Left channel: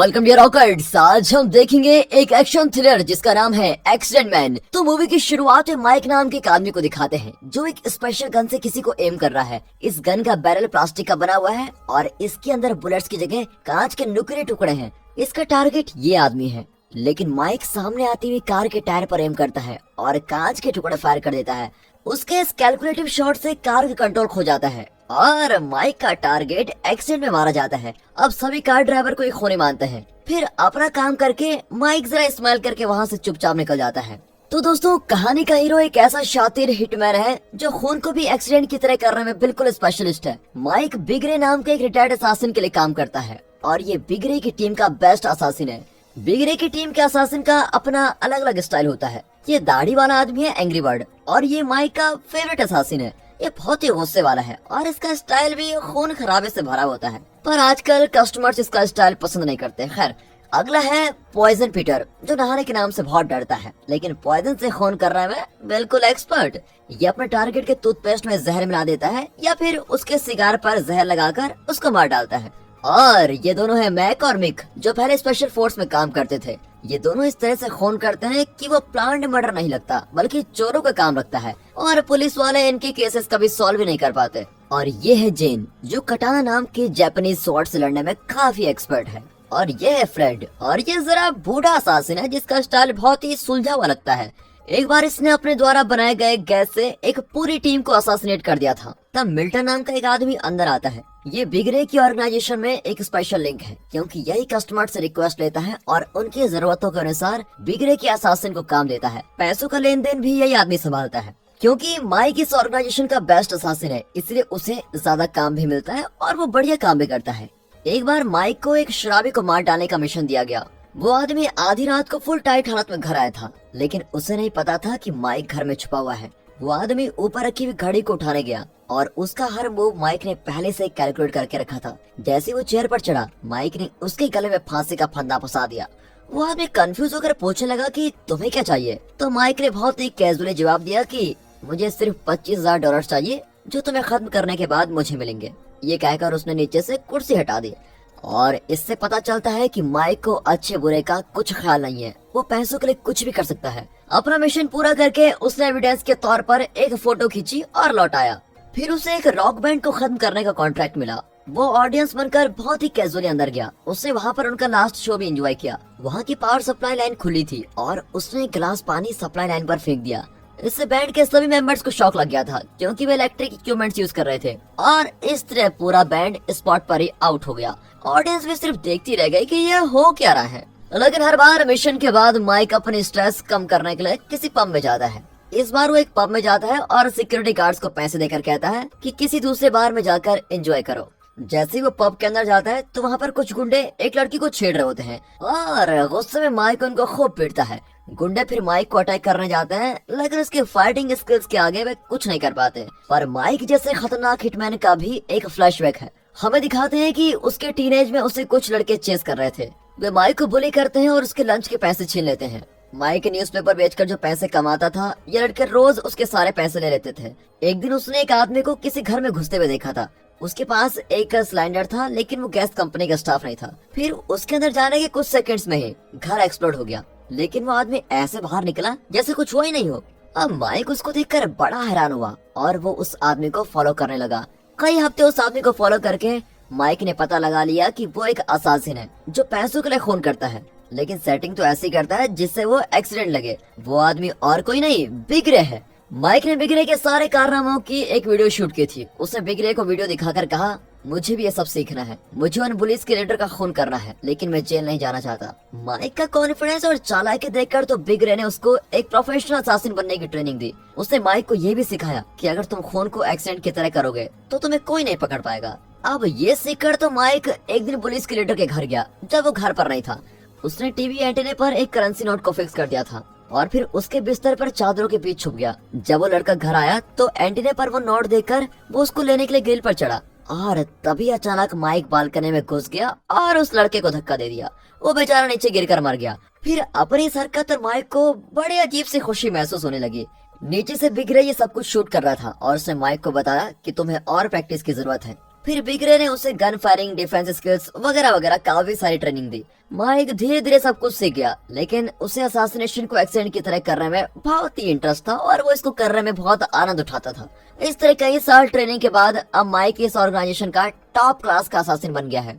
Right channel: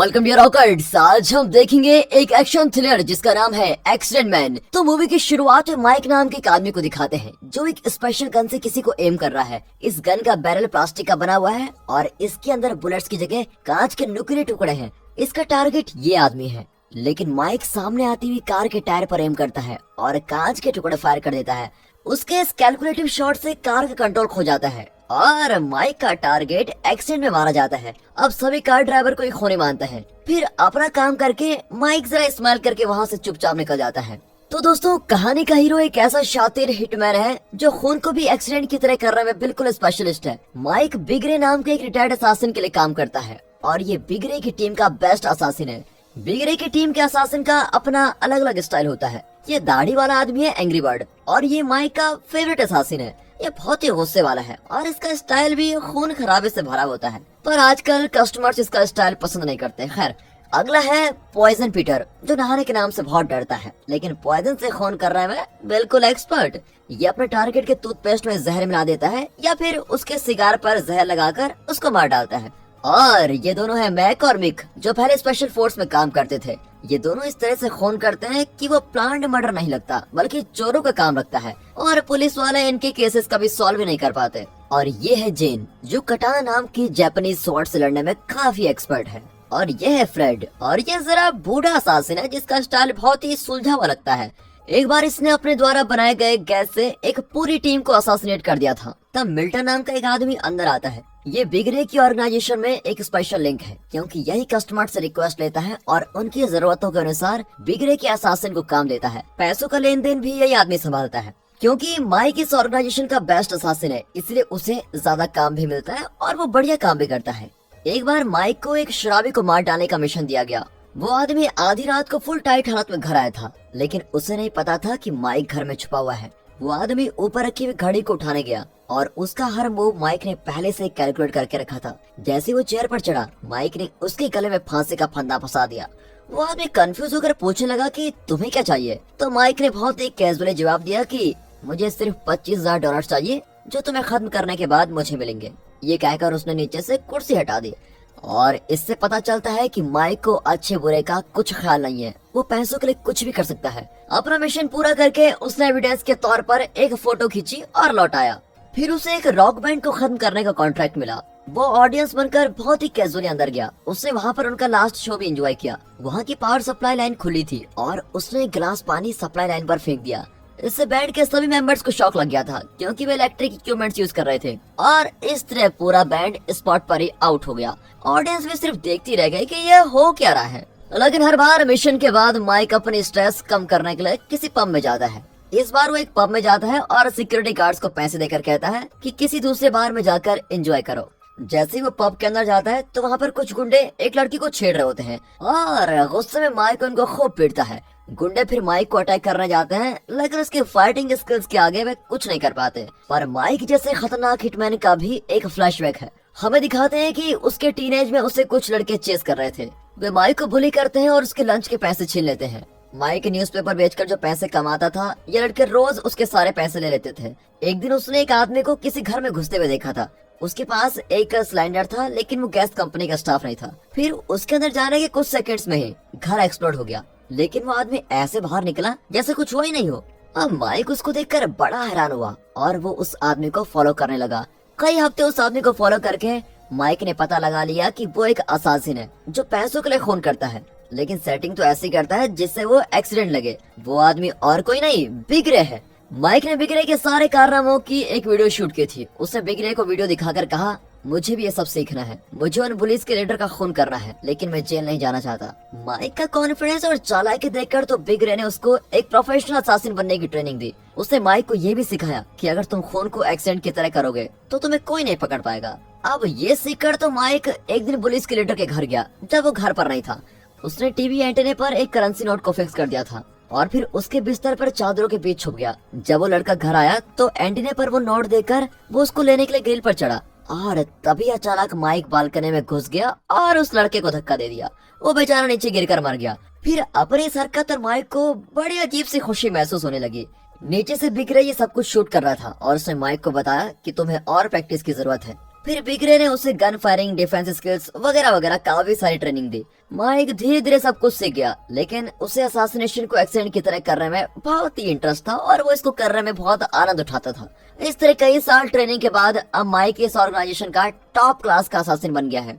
Welcome dear रॉकर्ड्स। आज हम देखेंगे एक एक्शन थ्रिलर जिसका नाम है एक्सीडेंट मैन। तो मूवी की शुरुआत में माइक नाम के एक आदमी को दिखाते हैं जो एक स्पेशल गन से किसी को एम कर रहा है। इस गन का बैरल प्लास्टिक का बना हुआ है और इसके अंदर बुलेट्स की जगह कांच के नुकीले टुकड़े हैं। इसका टारगेट ये आदमी है, लेकिन माइक सामने आती हुई कार के टायर पर एम करता है और कांच के टुकड़े फायर कर देता है। उसके इस कैलकुलेटिव शॉट से कार का कंट्रोल खो जाता है और माइक का टारगेट एक्सीडेंट में मारा जाता है। अब सभी कार ड्राइवर को एक खोने मानते हैं। फिर अपना काम करके माइक जरा स्माइल करके वहाँ से चुपचाप निकल जाता है। तो दोस्तों, कहानी का हीरो एक ऐसा शातिर हिटमैन है जो खून को भी एक्सीडेंट की तरह करने में बिल्कुल स्पेशलिस्ट है। माइक बिगरे नाम के एक रिटायर्ड असासिन के लिए काम करता है और ये बिगरे की टीम का बेस्ट असासिन है। बिगरे की टीम के असासिन का अपना अलग अलग स्टाइल होता है। ये दाढ़ी वाला आदमी है एंग्री बर्ड और ये माइक का फेवरेट असासिन है। ये बहुत ही गुस्से वाला है और इसका स्टाइल भी खून खराबे से भरा होता है, पर आजकल कस्टमर्स इसका स्टाइल पसंद नहीं करते। खैर, अगला है पॉइजन पीटर जो नहाने के नाम से बहुत डरता है, लेकिन पॉइजन से खून करने में बिल्कुल एक्सपर्ट। ये अपने टारगेट के टूथपेस्ट में जहर मिला देता है या फिर उसके सिगार पर जहर लगाकर उसको मार डालता है। और ये दोनों है मैक और मिक जो पहले स्पेशल फोर्स में काम करते थे। ये दोनों इस तरह से खून करते हैं कि वो प्लान्ड मर्डर नहीं लगता बल्कि चोरों का काम लगता है और पुलिस वाले इनके केसेस कभी सॉल्व नहीं कर पाते। और ये है जेन जो कटाना नाम की जापानीज स्वॉर्ड से लड़ने में काफी एक्सपर्ट है। और ये है फ्रेड और ये जरा बूढ़ा असासिन है जिसका स्टाइल बहुत ही सुलझा हुआ लगता है। एक बार इसने अपने द्वारा बनाए गए गैस से एक पूरी टीम को असासिनेट कर दिया था। तब मिल्टन नाम का एक आदमी अंदर आता है। ये बिगरे की ऑर्गेनाइजेशन में एक स्पेशल लिंक है क्योंकि यही कस्टमर से रिक्वेस्ट लेता है और उनकी जरूरतों के अनुसार बिगरे के असासिन को काम देता है। पैसों का लेन देन भी यही आदमी संभालता है। क्योंकि माइक इस ऑर्गेनाइजेशन का बेस्ट असासिन है, इसलिए उसे ज्यादा काम भी मिलता है और वो बढ़िया काम भी करता है। एक बार माइक को एक शराबी को मार डालने का मिशन दिया गया। वो आदमी आधी रात को फुल टाइट हालत में घर आया था, लेकिन उसे नहीं पता था कि माइक घर में छुपा हुआ है। वो आदमी ऊपर रखी हुई घड़ी को उठाने गया और उसका हर मूव माइक ने पहले से कैलकुलेट करके रखा था। जैसे वो चेयर पर चढ़ा, माइक ने उसके गले में फांसी का फंदा फंसा दिया। वो आदमी कंफ्यूज होकर पूछने लगा कि तुम्हें क्या चाहिए। तो माइक ने बहुत ही कैजुअली जवाब दिया कि मुझे सिर्फ $25,000 चाहिए जो तुम्हें खत्म करने के बाद मुझे मिलेंगे। ये कहकर उसने नीचे से कुर्सी हटा दी और इससे पता चलता है कि माइक को अच्छे बुरे का कुछ ख्याल नहीं है। वो पैसों के लिए कुछ भी कर सकता है। अपना मिशन पूरा करके उसने एविडेंस के तौर पर एक फोटो खींची और लौट आया। फिर उसे एक रॉक बैंड को खत्म करने का कॉन्ट्रैक्ट मिला। वो ऑडियंस बनकर बहुत ही कैजुअली अंदर गया। उसने वहाँ पर उनका लास्ट शो भी एंजॉय किया। वहाँ की पावर सप्लाई लाइन खुली थी और उसने एक गिलास पानी सप्लाई लाइन पर फेंक दिया। इससे बैंड के सभी मेंबर्स को शॉक लग गया था क्योंकि वे इलेक्ट्रिक इक्विपमेंट्स यूज कर रहे थे और इस तरह पूरा बैंड स्पॉट पर ही आउट हो गया। ऑडियंस भी सिर्फ देखती रह गई कि यह हो क्या रहा है। लेकिन हर बार मिशन के बाद माइक अपनी स्ट्रेस कम करने के लिए किसी पब में जाता है। इस बार वो एक पब में जाता है और सिक्योरिटी गार्ड्स को पैसे देकर कहता है कि किसी दूसरे बार में जाकर एंजॉय करो। जैसे ही वो पब के अंदर जाता है तो वहाँ पर कुछ गुंडे एक लड़की को छेड़ रहे होते हैं और गुस्से में माइक उनको खूब पीटता है। गुंडे फिर माइक को अटैक करने जाते हैं, लेकिन उसकी फाइटिंग स्किल्स के आगे वे कुछ नहीं कर पाते। पर माइक जैसे खतरनाक हिटमैन का भी एक फ्लैशबैक है। हमें दिखाते हैं कि उसके टीनेज में उसे कुछ लड़के चेस कर रहे थे। वे माइक को बुली करते हैं और उसके लंच के पैसे छीन लेते हैं। माइक न्यूज़पेपर बेचकर जो पैसे कमाता था, ये लड़के रोज उसके सारे पैसे ले लेते थे। एक दिन उसने एक आदमी को किसी घर में घुसते हुए देखा था। उसके पास एक सिलेंडर था, लेकिन वो गैस कंपनी का स्टाफ नहीं था। फिर उसके अंदर जाने के कुछ सेकंड्स में ही घर एक्सप्लोड हो गया, लेकिन वो आदमी ऐसे बाहर निकला जैसे कुछ हुआ ही नहीं हो। अब माइक उसको देखकर बड़ा हैरान हुआ और वो उस आदमी को फॉलो करने लगा। कई हफ्ते उस आदमी को फॉलो करके माइक ने पता लगा लिया कि वो एक असासिन है जो पैसों के लिए खून करता है, लेकिन सेटिंग तो ऐसी करता है जिससे वो एक्सीडेंट लगे। वो आदमी और कोई नहीं, बिगरे है। माइक ने बिगरे के सारे कारनामों की एक वीडियो शूट की थी। उसने बिगरे को वीडियो दिखाकर कहा, मुझे भी ये सब सीखना है। मुझे उन पुलिस के लीडर का खून करना है, लेकिन मैं जेल नहीं जाना चाहता। माइक का कॉन्फिडेंस और चालाकी देखकर तो बिगरे ने उसको एक प्रोफेशनल असासिन बनने की ट्रेनिंग दी। उसने माइक को ये भी सिखाया कि अगर तुम खून को एक्सीडेंट की तरह करोगे तो तुम्हें कोई नहीं पकड़ पाएगा। अब ये सीखकर तो माइक एक दिन पुलिस के लीडर के घर गया जब वो घर पर नहीं था। उसने टीवी एंटेने पर एक करेंसी नोट को फिक्स कर दिया था और फिर उसके बिस्तर पर चादरों के बीच छुप गया। जब वो लड़का घर आया तो एंटीने पर वो नोट देखकर वो उसको लेने के लिए ग्रिल पर चढ़ा और तभी अचानक माइक बालकनी में घुस गया और उस लड़के को धक्का दे दिया। वो बेचारा नीचे गिरकर मर गया। फिर अपनी इस हरकत और माइक को बड़ी अजीब सी खुशी महसूस होने लगी। नीचे से बिगरे ये सब कुछ शूट कर रहा था और उसने माइक को बताया कि तुम्हें और प्रैक्टिस की जरूरत है। फिर बिगरे ने उसे गन फायरिंग, डिफेंस स्किल्स वगैरह वगैरह काफी सारी ट्रेनिंग दी। माइक धीरे धीरे सब कुछ सीख गया, लेकिन उसे असैसिनेशन को एक्सीडेंट की तरह करने में बहुत ही इंटरेस्ट था और वो इसको करने में बहुत आनंद उठाता था। इस तरह कई साल ट्रेनिंग के बाद अब माइक इस ऑर्गेनाइजेशन का टॉप क्लास का असासिन बन गया है।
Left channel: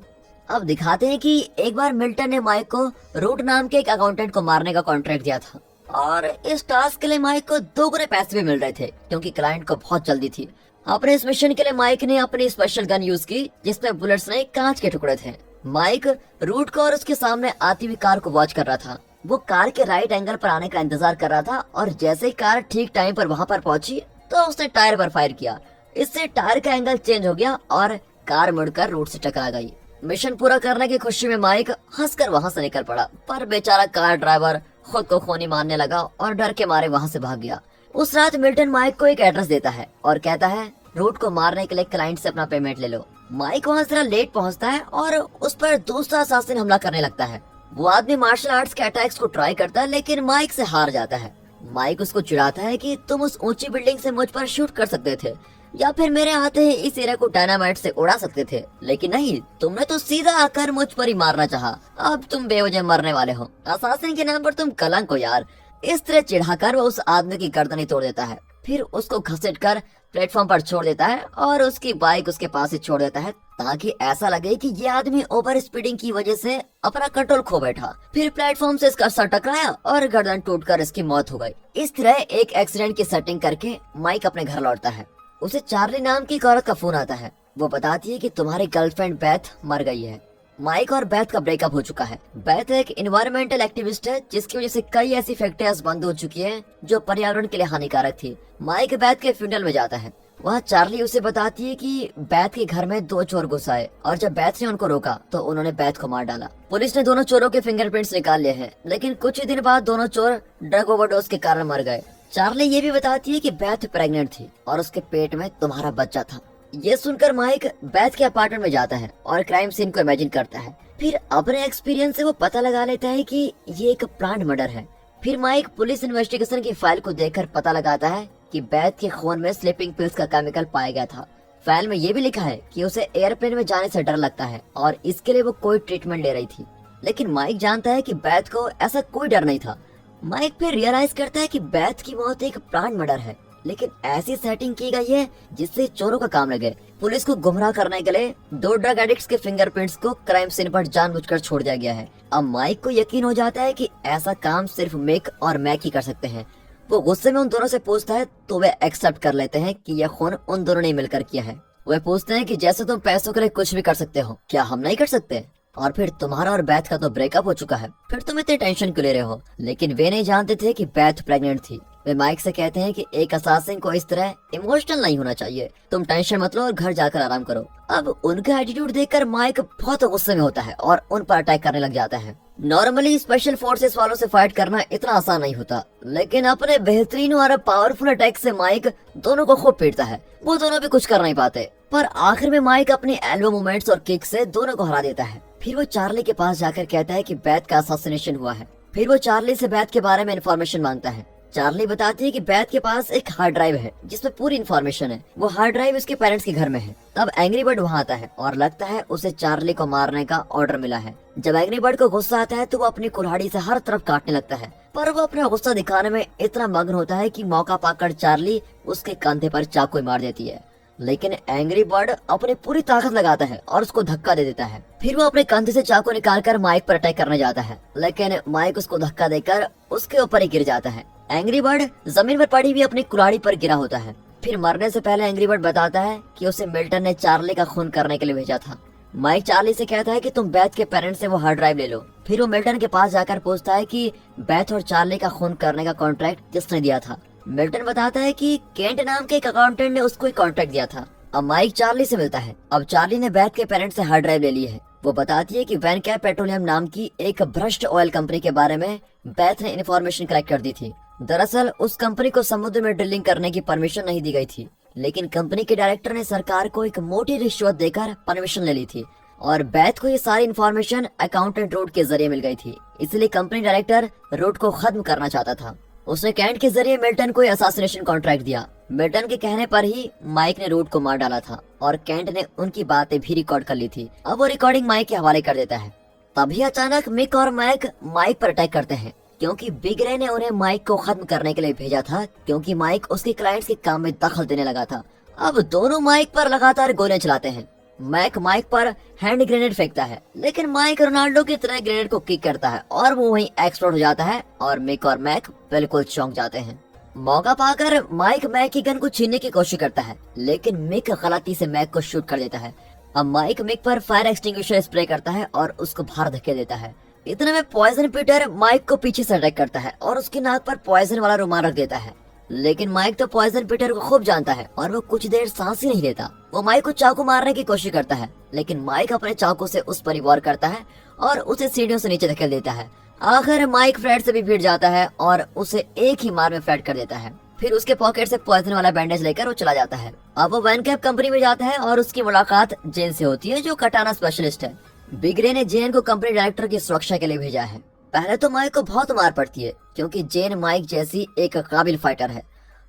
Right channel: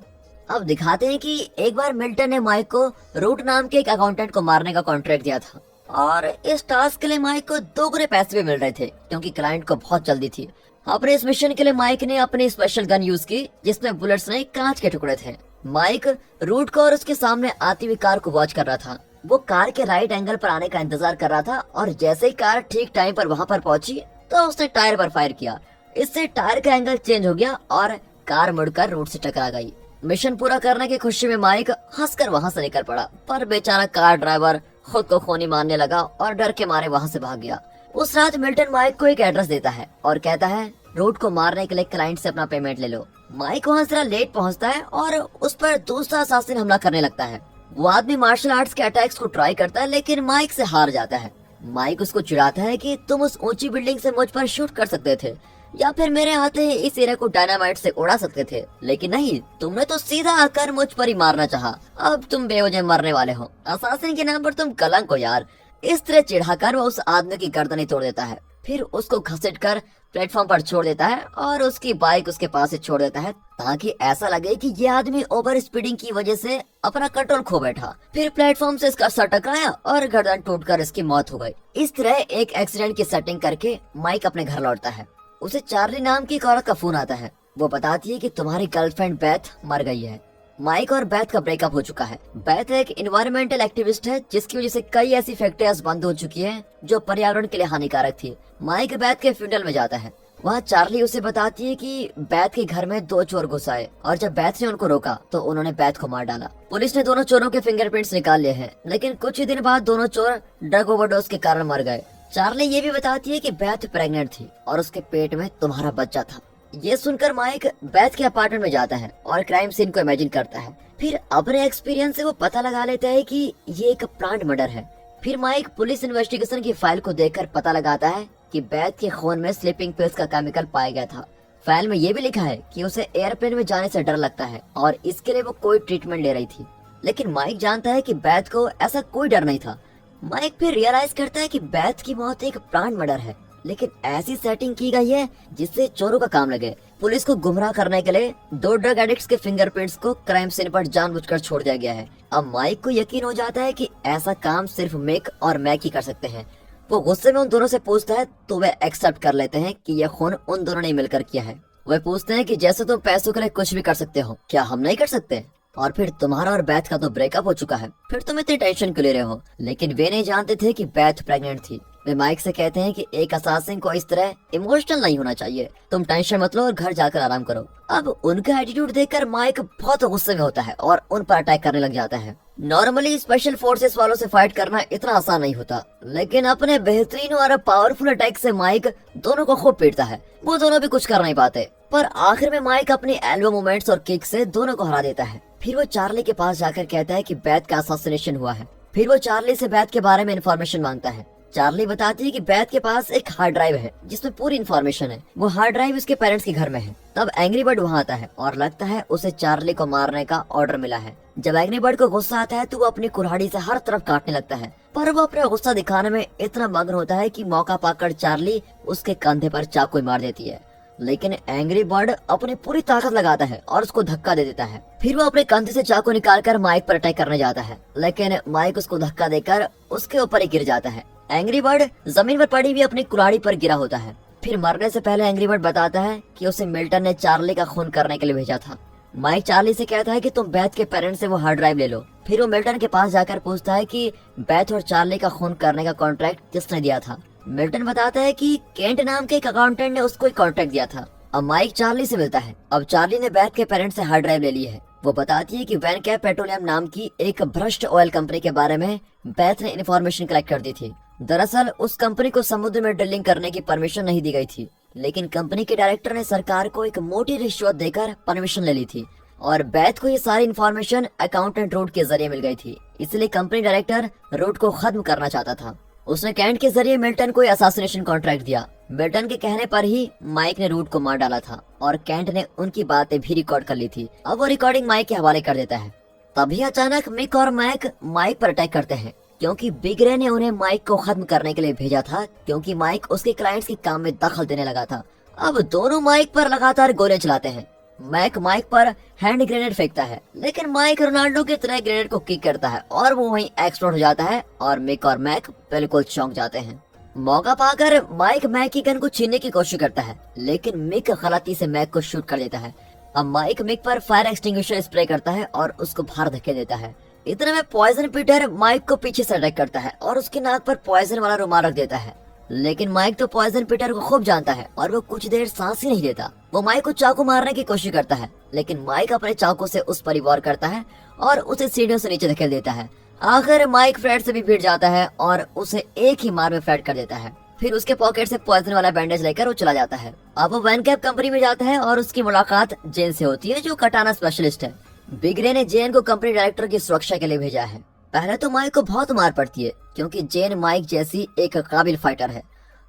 अब दिखाते हैं कि एक बार मिल्टन ने माइक को रूट नाम के एक अकाउंटेंट को मारने का कॉन्ट्रैक्ट दिया था और इस टास्क के लिए माइक को दोगुने पैसे भी मिल रहे थे क्योंकि क्लाइंट को बहुत जल्दी थी। अपने इस मिशन के लिए माइक ने अपनी स्पेशल गन यूज की जिसमें बुलेट्स नहीं कांच के टुकड़े थे। माइक रूट को और उसके सामने आती हुई कार को वॉच कर रहा था। वो कार के राइट एंगल पर आने का इंतजार कर रहा था और जैसे ही कार ठीक टाइम पर वहाँ पर पहुंची तो उसने टायर पर फायर किया। इससे टायर का एंगल चेंज हो गया और कार मुड़कर रूट से टकरा गई। मिशन पूरा करने की खुशी में माइक हंसकर वहाँ से निकल पड़ा, पर बेचारा कार ड्राइवर खुद को खूनी मारने लगा और डर के मारे वहाँ से भाग गया। उस रात मिल्टन माइक को एक एड्रेस देता है और कहता है रूट को मारने के लिए क्लाइंट से अपना पेमेंट ले लो। माइक वहाँ जरा लेट पहुँचता है और उस पर दूसरा असासिन हमला करने लगता है। वो आदमी मार्शल आर्ट्स के अटैक्स को ट्राई करता है लेकिन माइक से हार जाता है। माइक उसको चिढ़ाता है कि तुम उस ऊंची बिल्डिंग से मुझ पर शूट कर सकते थे या फिर मेरे आते ही इस एरिया को डायनामाइट से उड़ा सकते थे, लेकिन नहीं, तुमने तो सीधा आकर मुझ पर ही मारना चाहा। अब तुम बेवजह मरने वाले हो। असासिन के नाम पर तुम कलंक हो यार। इस तरह चिढ़ाकर वो उस आदमी की गर्दन तोड़ देता है, फिर उसको घसीटकर प्लेटफॉर्म पर छोड़ देता है और उसकी बाइक उसके पास ही छोड़ देता है ताकि ऐसा लगे कि ये आदमी ओवर स्पीडिंग की वजह से अपना कंट्रोल खो बैठा। फिर प्लेटफॉर्म से इसका सर टकराया और गर्दन टूटकर इसकी मौत हो गई। इस तरह एक एक्सीडेंट की सेटिंग करके माइक अपने घर लौटता है। उसे चार्ली नाम की एक औरत का फोन आता है। वो बताती है कि तुम्हारी गर्लफ्रेंड बेथ मर गई है। माइक और बेथ का ब्रेकअप हो चुका है। बेथ एक एनवायरमेंटल एक्टिविस्ट है जिसकी वजह से कई ऐसी फैक्ट्रियां बंद हो चुकी हैं जो पर्यावरण के लिए हानिकारक थी। माइक बेथ के फ्यूनरल में जाता है। वहाँ चार्ली उसे बताती है कि बेथ के घर में 2 चोर घुस आए और जब बेथ ने उनको रोका तो उन्होंने बेथ को मार डाला। पुलिस ने दोनों चोरों के फिंगरप्रिंट्स निकाल लिए हैं, लेकिन कुछ ही दिन बाद दोनों चोर ड्रग ओवरडोज के कारण मर गए। चार्ली ये भी बताती है कि बेथ प्रेग्नेंट थी और उसके पेट में तुम्हारा बच्चा था। ये सुनकर माइक बेथ के अपार्टमेंट में जाता है और क्राइम सीन को इमेजिन करता है। फिर अपने एक्सपीरियंस से वो पता लगा लेता है कि ये एक प्लांट मर्डर है। फिर माइक पुलिस इन्वेस्टिगेशन की फाइल को देखकर पता लगाता है कि बेथ के खून में स्लीपिंग पिल्स का केमिकल पाया गया था। फाइल में ये भी लिखा है कि उसे एयरप्लेन में जाने से डर लगता है और इसके लिए वो कोई ट्रीटमेंट ले रही थी, लेकिन माइक जानता है कि बेथ को ऐसा कोई डर नहीं था। माइक फिर रियलाइज करता है कि बेथ की मौत एक प्लांट मर्डर है, लेकिन ऐसी सेटिंग की गई है जिससे चोरों का काम लगे। पुलिस को गुमराह करने के लिए 2 ड्रग एडिक्ट्स के फिंगरप्रिंट्स को क्राइम सीन पर जानबूझकर छोड़ दिया गया है। अब माइक को यकीन हो जाता है कि ऐसा काम सिर्फ मिक और मैक ही कर सकते हैं। वो गुस्से में उन दोनों से पूछता है तो वे एक्सेप्ट कर लेते हैं कि यह खून उन दोनों ने मिलकर किया है। वे पूछते हैं कि जैसे तुम पैसों के लिए कुछ भी कर सकते हो, क्या हम नहीं कर सकते? और फिर तुम्हारा और बेथ का तो ब्रेकअप हो चुका है, फिर तुम इतनी टेंशन क्यों ले रहे हो? लेकिन वे नहीं जानते थे कि बेथ प्रेग्नेंट थी। वे माइक से कहते हैं कि एक असासिन को इस तरह इमोशनल नहीं होना चाहिए, तुम टेंशन मत लो और घर जाकर आराम करो। अब उनका एटीट्यूड देखकर माइक बहुत गुस्से में होता है और उन पर अटैक करने लग जाता है। नॉर्मली स्पेशल फोर्सेस वालों से फाइट करना इतना आसान नहीं होता, लेकिन अपने बेहतरीन और पावरफुल अटैक से माइक दोनों को खूब पीटता है। वो दोनों भी कुछ कर नहीं पाते, पर आखिर में माइक अपनी एल्बो मूवमेंट्स और किक से दोनों को हरा देता है। फिर वो चार्ली के पास जाकर कहता है कि बेथ का असैसिनेशन हुआ है। फिर वो चार्ली से बेथ के बारे में इंफॉर्मेशन मांगता है। चार्ली बताती है कि बेथ के पास एक हार्ड ड्राइव है जिसमें पूरी इन्फॉर्मेशन है। वो हार्ड ड्राइव उसके पेरेंट्स के घर में है। तब एंग्री बर्ड वहाँ आता है और लगता है उसे चार्ली को मारने का ऑर्डर मिला है। जब एंग्री बर्ड को गुस्सा आता है तो वो अपनी कुल्हाड़ी से हर तरफ काटने लगता है, पर वो अपना गुस्सा दिखाने में इतना मग्न होता है कि मौका पाकर चार्ली उसके कंधे पर चाकू मार देती है। लेकिन एंग्री बर्ड अपनी पूरी ताकत लगाता है और उसको धक्का दे देता है। फिर वो अपने कंधे से चाकू निकालकर माइक पर अटैक करने जाता है, लेकिन माइक उसको धक्का देकर उसके ऊपर ही गिर जाता है। एंग्री बर्ड जमीन पर पड़ी हुई अपनी कुल्हाड़ी पर गिरा होता है। फिर मरने से पहले एंग्री बर्ड बताता है कि उसे मिल्टन ने चार्ली का खून करने के लिए भेजा था। माइक चार्ली से कहता है कि तुम बेथ के पेरेंट्स से वो हार्ड ड्राइव ले लो। फिर वो मिल्टन के पास जाकर पूछता है कि बेथ और चार्ली का खून करने का कॉन्ट्रैक्ट किसने दिया था। मिल्टन बताता है कि केंट नाम के एक अकाउंटेंट ने उसको एक कॉन्ट्रैक्ट दिया था। अब माइक चार्ली से मिलता है। अब चार्ली ने बेथ के पेरेंट्स से हार्ड ड्राइव ले ली है। वो बताती है कि वैनकैप पेट्रोलियम नाम की एक भ्रष्ट ऑयल कंपनी के बारे में बेथ ने इन्फॉर्मेशन कलेक्ट कर दी थी। दरअसल उस कंपनी को समुद्र में ड्रिलिंग करने की परमिशन नहीं दी गई थी, लेकिन कंपनी के डायरेक्टर ने सरकार को एक मोटी रिश्वत देकर परमिशन ले ली थी और बेथ को ये सारी इन्फॉर्मेशन अकाउंटेंट रूट के जरिए मिल गई थी। इसलिए कंपनी डायरेक्टर रूट को खत्म करना चाहता था। उसने कैंट के जरिए मिल्टन को असैसिनेशन कॉन्ट्रैक्ट दिया। मिल्टन के कहने पर ही माइक ने रूट को मार डाला था और केंट ने उनकी बातें भी रिकॉर्ड कर ली थी। अब वो रिकॉर्डिंग माइक के हवाले कर देता है। तभी अचानक मिक और मैक माइक पर अटैक करते हैं, क्योंकि बिग रे ने उन्हें माइक को खत्म करने के लिए भेजा था, क्योंकि माइक उसके क्लाइंट्स के काम में दखल देने लगा था। अब दोनों माइक पर लगातार गोलियां चलाते हैं। मैक माइक पर हैंड ग्रेनेड फेंकता है, लेकिन माइक रोनाल्डो की तरह ग्रेनेड को किक करता है और वो वहीं एक्सप्लोड हो जाता है और मिक और मैक बिल्कुल चौंक जाते हैं। मौका पाकर माइक मैक की गन को छीनने की कोशिश करता है, लेकिन मिक गलती से मैक को शूट कर देता है। अब माइक मिक पर फायर एक्सटिंग्विशर स्प्रे करता है और उसको बाहर धकेल देता है। इतने में पॉइजन पीटर माइक को पीछे से अटैक करता है और उसकी नाक पर पॉइजन वाला रुमाल रख देता है। लेकिन माइक तो पॉइजन पीटर को खूब जानता है और वो कुछ देर सांस ही नहीं लेता। वो माइक को चाकू मारने की कोशिश करता है, लेकिन माइक अपने चाकू से उस पर वार करता है और उसे सीढ़ियों से नीचे धकेल देता है। आखिर माइक फ्लैट से भी भिड़ जाता है और उसे एक ही मार में फ्लैट कर देता है। फिर उसके पॉकेट से पॉइजन वाला बैंडेज लेकर वो चला जाता है। अब वो वैन कैप कंपनी में जाता है और उसकी मुलाकात जेन से होती है, जो कटाना स्पेशलिस्ट है। बिग रे ने जेन को कंपनी डायरेक्टर की सुरक्षा के लिए भेजा है। पहले तो माइक को बहुत मार पड़ती है, क्योंकि जेन माइक जैसी एक काबिल फाइटर है,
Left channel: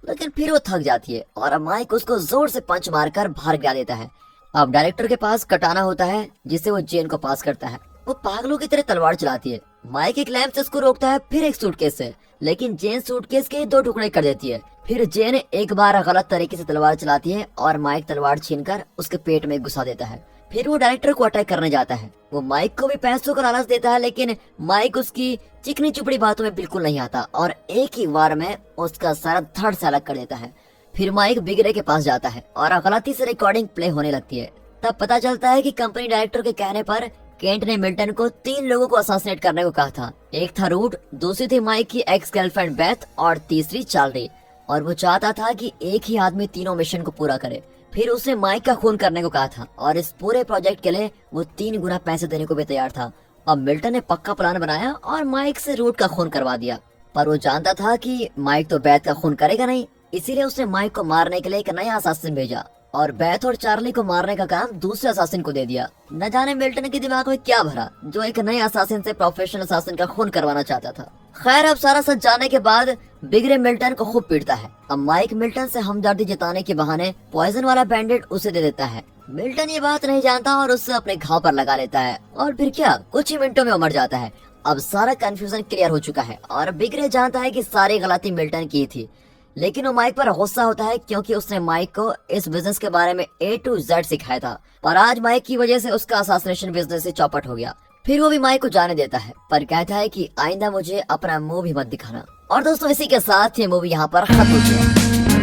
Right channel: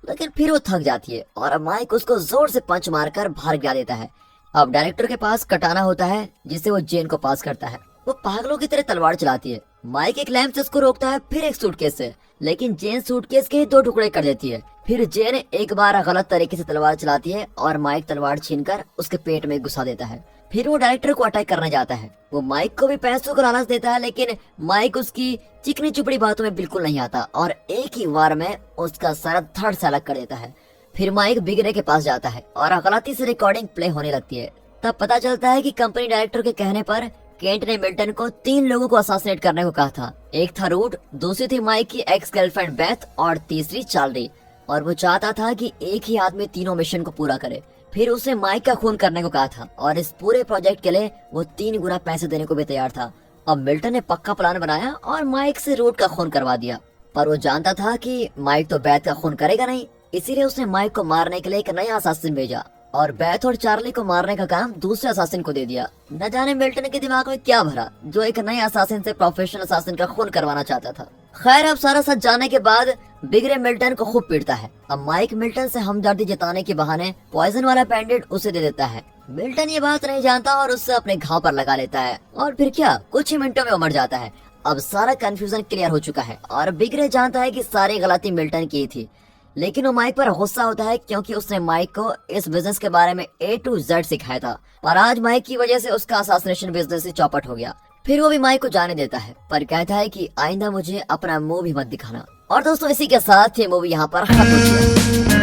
लेकिन फिर वो थक जाती है और माइक उसको जोर से पंच मारकर बाहर गिरा देता है। अब डायरेक्टर के पास कटाना होता है, जिसे वो जेन को पास करता है। वो पागलों की तरह तलवार चलाती है। माइक एक लैंप से उसको रोकता है, फिर एक सूटकेस से, लेकिन जेन सूटकेस के 2 टुकड़े कर देती है। फिर जेन एक बार गलत तरीके से तलवार चलाती है और माइक तलवार छीनकर उसके पेट में घुसा देता है। फिर वो डायरेक्टर को अटैक करने जाता है। वो माइक को भी पैसों का लालच देता है, लेकिन माइक उसकी चिकनी चुपड़ी बातों में बिल्कुल नहीं आता और एक ही वार में उसका सारा धड़ से अलग कर देता है। फिर माइक बिग रे के पास जाता है और गलती से रिकॉर्डिंग प्ले होने लगती है। तब पता चलता है कि कंपनी डायरेक्टर के कहने पर केंट ने मिल्टन को 3 लोगों को असासिनेट करने को कहा था। एक था रूट, दूसरी थी माइक की एक्स गर्लफ्रेंड बेथ और तीसरी चार्ली। और वो चाहता था कि एक ही आदमी तीनों मिशन को पूरा करे। फिर उसने माइक का खून करने को कहा था और इस पूरे प्रोजेक्ट के लिए वो 3 गुना पैसे देने को भी तैयार था। अब मिल्टन ने पक्का प्लान बनाया और माइक से रूट का खून करवा दिया, पर वो जानता था कि माइक तो बेथ का खून करेगा नहीं, इसीलिए उसने माइक को मारने के लिए एक नया असासिन भेजा और बेथ और चार्ली को मारने का काम दूसरे असासिन को दे दिया। न जाने मिल्टन के दिमाग में क्या भरा, जो एक नए असासिन से प्रोफेशनल असासिन का खून करवाना चाहता था। खैर, अब सारा सच जाने के बाद बिग रे मिल्टन को खूब पीटता है। अब माइक मिल्टन से हमदर्दी जताने के बहाने पॉइजन वाला बैंडेड उसे दे देता है। मिल्टन ये बात नहीं जानता और उससे अपने घाव पर लगा लेता है और फिर क्या, कुछ ही मिनटों में वो मर जाता है। अब सारा कंफ्यूजन क्लियर हो चुका है और बिग रे जानता है कि सारी गलती मिल्टन की थी, लेकिन वो माइक पर गुस्सा होता है क्योंकि उसने माइक को इस बिजनेस के बारे में A to Z सिखाया था और आज माइक की वजह से उसका असोसिएशन बिजनेस से चौपट हो गया। फिर वो भी माइक को जाने देता है, पर कहता है कि आइंदा मुझे अपना मुंह भी मत दिखाना। और दोस्तों, इसी के साथ ये मूवी यहाँ पर खत्म हो चुकी है।